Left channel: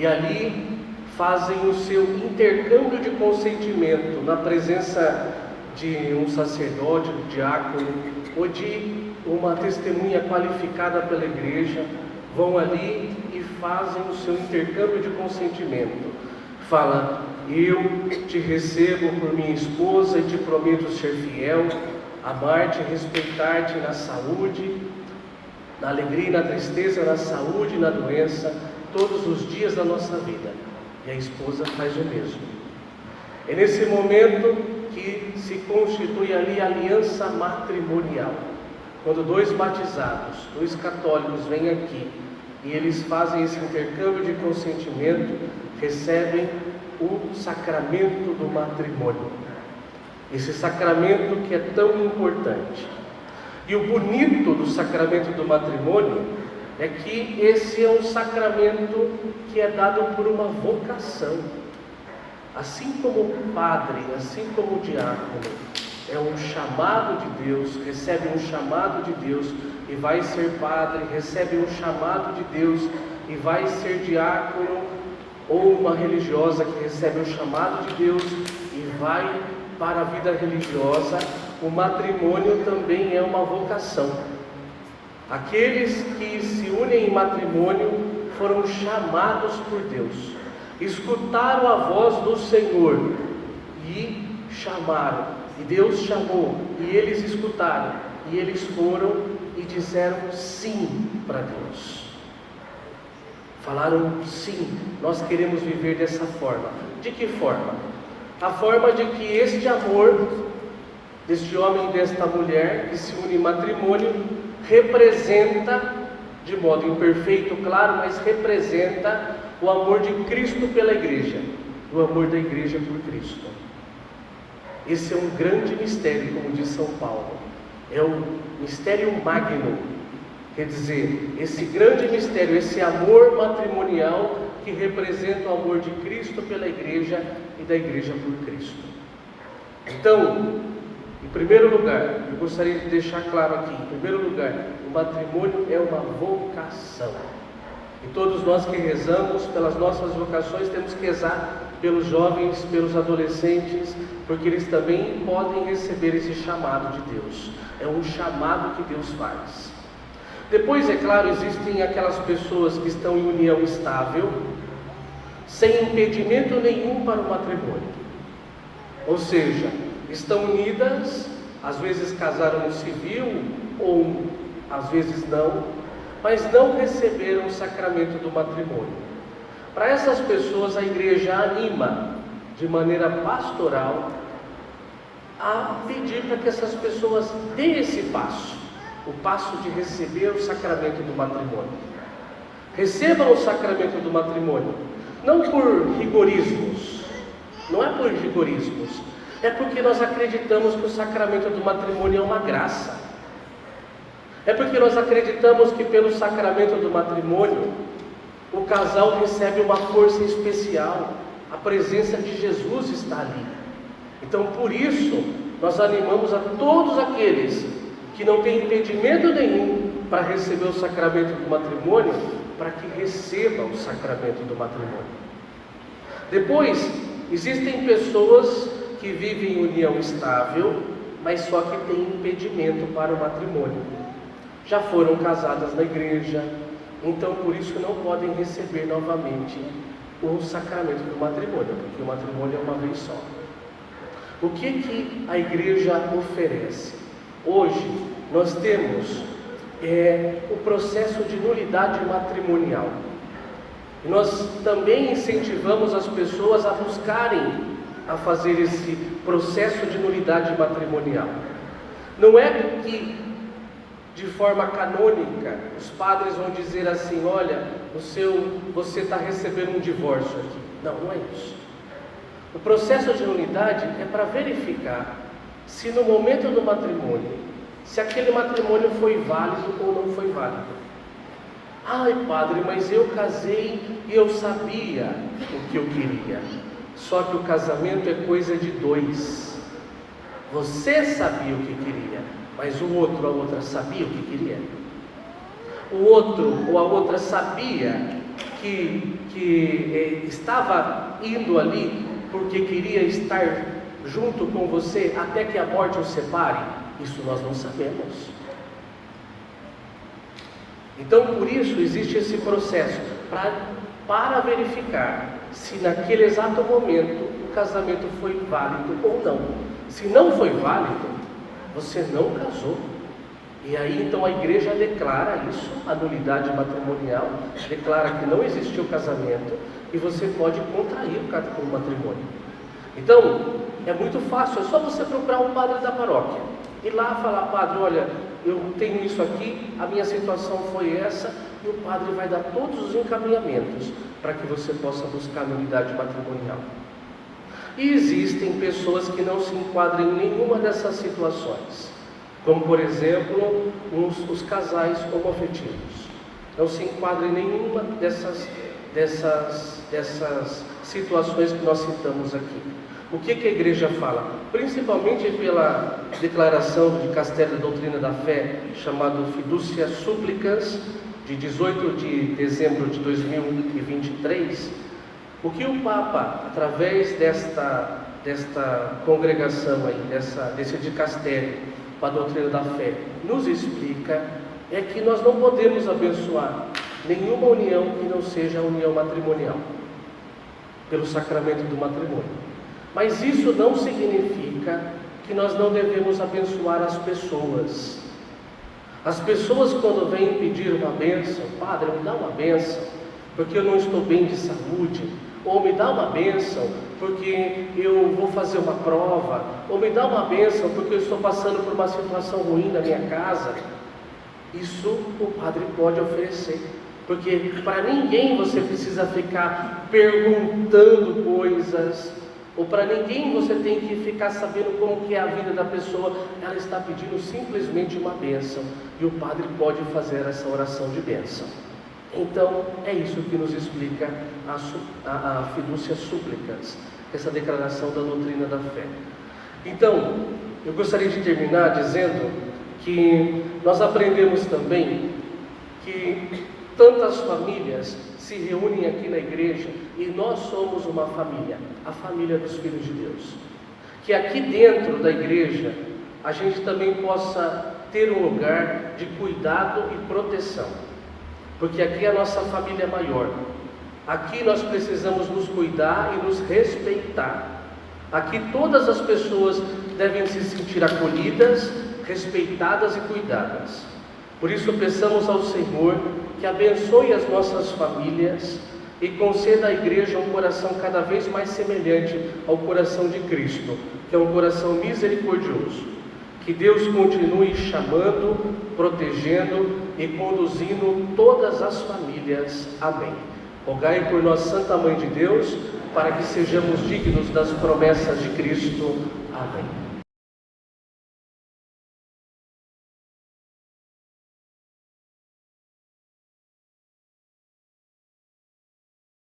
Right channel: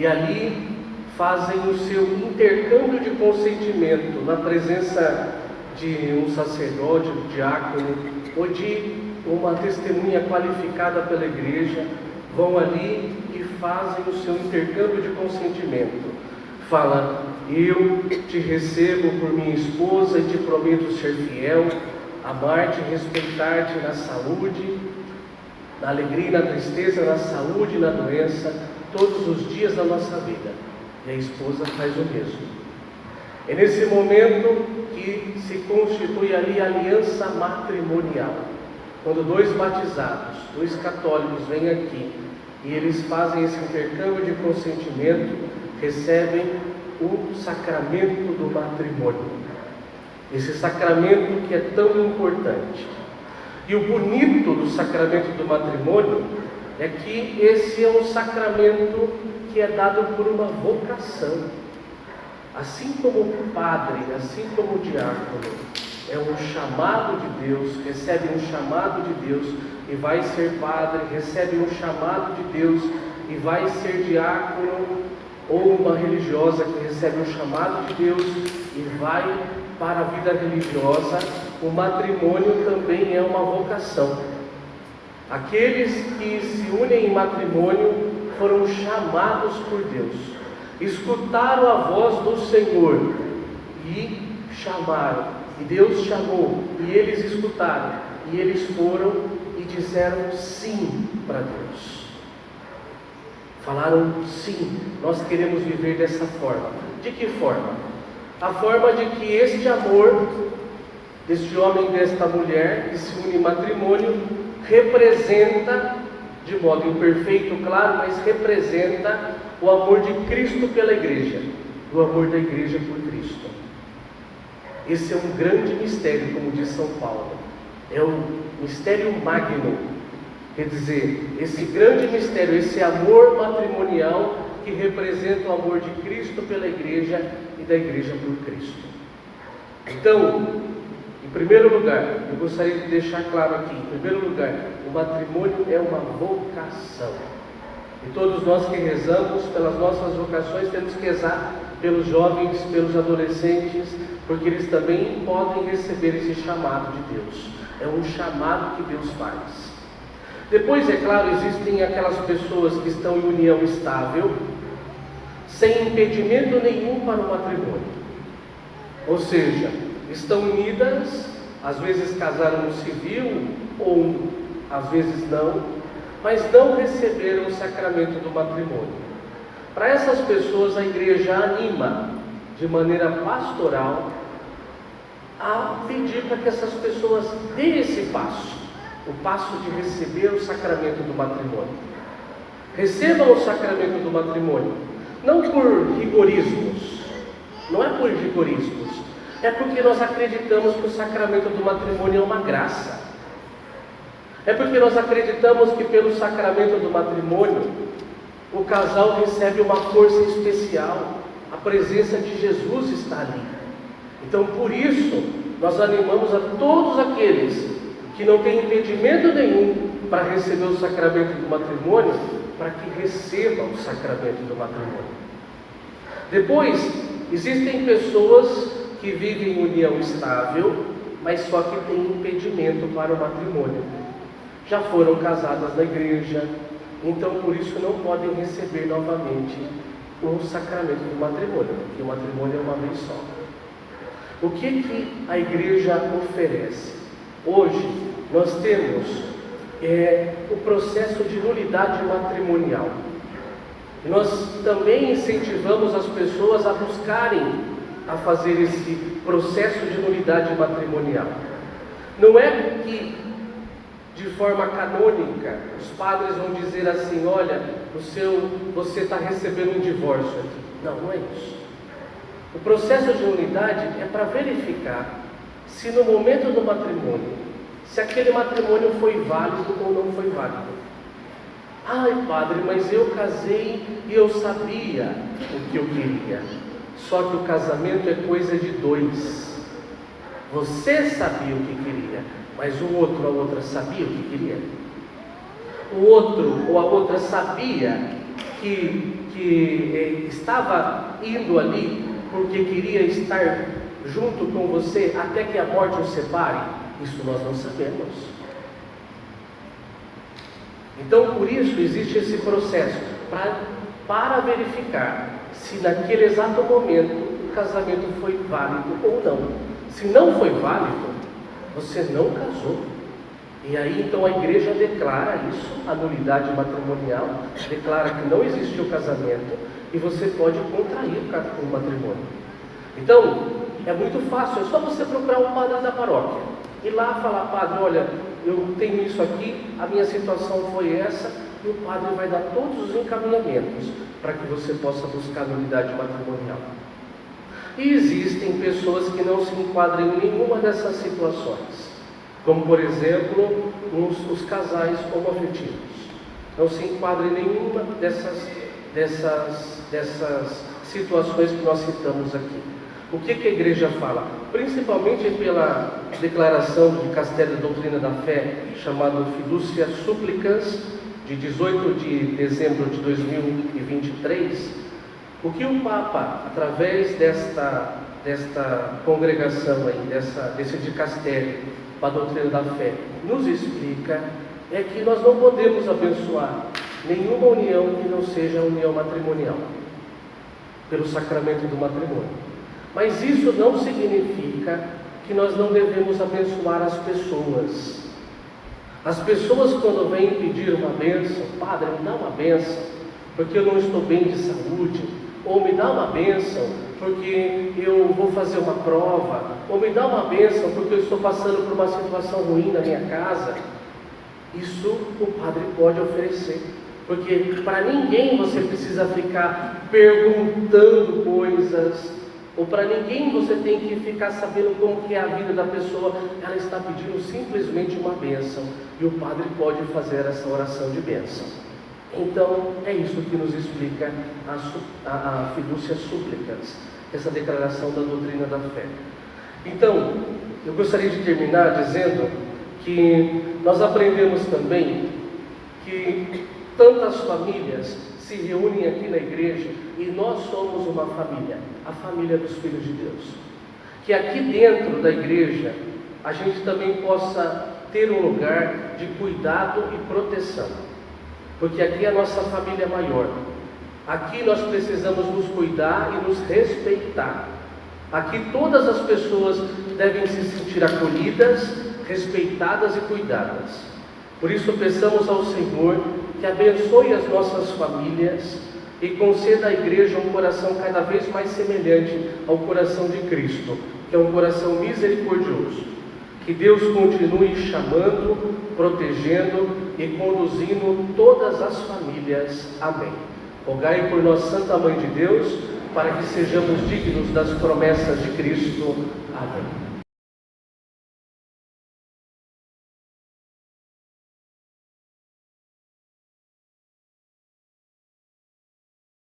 e ali fazem o seu intercâmbio de consentimento na presença de um sacerdote, um diácono ou de uma testemunha qualificada pela igreja. Vão ali e fazem o seu intercâmbio de consentimento. Fala: eu te recebo por minha esposa e te prometo ser fiel, amar-te e respeitar-te na saúde, na alegria e na tristeza, na saúde e na doença, todos os dias da nossa vida. E a esposa faz o mesmo. É nesse momento que se constitui ali a aliança matrimonial. Quando dois batizados, dois católicos vêm aqui e eles fazem esse intercâmbio de consentimento, recebem o sacramento do matrimônio. Esse sacramento que é tão importante. E o bonito do sacramento do matrimônio é que esse é um sacramento que é dado por uma vocação. Assim como o padre, assim como o diácono, é um chamado de Deus, recebe um chamado de Deus e vai ser padre, recebe um chamado de Deus e vai ser diácono, ou uma religiosa que recebe um chamado de Deus e vai para a vida religiosa, o matrimônio também é uma vocação. Aqueles que se unem em matrimônio foram chamados por Deus, escutaram a voz do Senhor e chamaram, e Deus chamou, e eles escutaram, e eles foram e disseram sim para Deus. Falaram sim, nós queremos viver dessa forma. De que forma? A forma de que este amor deste homem e desta mulher que se une em matrimônio representa, de modo imperfeito, claro, mas representa o amor de Cristo pela igreja, o amor da igreja por Cristo. Esse é um grande mistério, como diz São Paulo, é um mistério magno, quer dizer, esse grande mistério, esse amor matrimonial que representa o amor de Cristo pela igreja e da igreja por Cristo. Então, em primeiro lugar, eu gostaria de deixar claro aqui, em primeiro lugar, o matrimônio é uma vocação. E todos nós que rezamos pelas nossas vocações temos que rezar pelos jovens, pelos adolescentes, porque eles também podem receber esse chamado de Deus. É um chamado que Deus faz. Depois, é claro, existem aquelas pessoas que estão em união estável, sem impedimento nenhum para o matrimônio. Ou seja, estão unidas, às vezes casaram no civil, ou às vezes não, mas não receberam o sacramento do matrimônio. Para essas pessoas, a igreja anima, de maneira pastoral, a pedir para que essas pessoas deem esse passo, o passo de receber o sacramento do matrimônio. Recebam o sacramento do matrimônio, não por rigorismos, não é por rigorismos, é porque nós acreditamos que o sacramento do matrimônio é uma graça. É porque nós acreditamos que pelo sacramento do matrimônio, o casal recebe uma força especial, a presença de Jesus está ali. Então, por isso, nós animamos a todos aqueles que não têm impedimento nenhum para receber o sacramento do matrimônio, para que recebam o sacramento do matrimônio. Depois, existem pessoas que vivem em união estável, mas só que têm impedimento para o matrimônio. Já foram casadas na igreja, então por isso não podem receber novamente o sacramento do matrimônio, porque o matrimônio é uma vez só. O que a igreja oferece? Hoje nós temos o processo de nulidade matrimonial. E nós também incentivamos as pessoas a buscarem a fazer esse processo de nulidade matrimonial. Não é que de forma canônica os padres vão dizer assim: olha, você está recebendo um divórcio aqui. Não, não é isso. O processo de nulidade é para verificar se no momento do matrimônio, se aquele matrimônio foi válido ou não foi válido. Ai, padre, mas eu casei e eu sabia o que eu queria. Só que o casamento é coisa de dois. Você sabia o que queria, mas o outro, a outra sabia o que queria. O outro ou a outra sabia que estava indo ali porque queria estar junto com você até que a morte os separe? Isso nós não sabemos. Então, por isso, existe esse processo para verificar se naquele exato momento o casamento foi válido ou não. Se não foi válido, você não casou. E aí, então, a igreja declara isso, a nulidade matrimonial, declara que não existiu casamento e você pode contrair o matrimônio. Então, é muito fácil, é só você procurar um padre da paróquia. Ir lá falar: padre, olha, eu tenho isso aqui, a minha situação foi essa, e o padre vai dar todos os encaminhamentos para que você possa buscar a nulidade matrimonial. E existem pessoas que não se enquadram em nenhuma dessas situações, como por exemplo os casais homoafetivos. Não se enquadram em nenhuma dessas situações que nós citamos aqui. O que a igreja fala? Principalmente pela declaração de Castelo de Doutrina da Fé, chamado Fiducia Supplicans, de 18 de dezembro de 2023, o que o Papa, através desta congregação aí, desse dicastério para a doutrina da fé, nos explica, é que nós não podemos abençoar nenhuma união que não seja a união matrimonial, pelo sacramento do matrimônio. Mas isso não significa que nós não devemos abençoar as pessoas. As pessoas, quando vêm pedir uma bênção: padre, me dá uma bênção porque eu não estou bem de saúde, ou me dá uma bênção porque eu vou fazer uma prova, ou me dá uma bênção porque eu estou passando por uma situação ruim na minha casa. Isso o padre pode oferecer, porque para ninguém você precisa ficar perguntando coisas, ou para ninguém você tem que ficar sabendo como que é a vida da pessoa. Ela está pedindo simplesmente uma bênção, e o padre pode fazer essa oração de bênção. Então, é isso que nos explica a Fiducia Supplicans, essa declaração da doutrina da fé. Então, eu gostaria de terminar dizendo que nós aprendemos também que tantas famílias se reúnem aqui na igreja e nós somos uma família, a família dos filhos de Deus. Que aqui dentro da igreja a gente também possa ter um lugar de cuidado e proteção, porque aqui é a nossa família maior. Aqui nós precisamos nos cuidar e nos respeitar. Aqui todas as pessoas devem se sentir acolhidas, respeitadas e cuidadas. Por isso peçamos ao Senhor que abençoe as nossas famílias e conceda à igreja um coração cada vez mais semelhante ao coração de Cristo, que é um coração misericordioso. Que Deus continue chamando, protegendo e conduzindo todas as famílias. Amém. Rogai por nós, Santa Mãe de Deus, para que sejamos dignos das promessas de Cristo. Amém.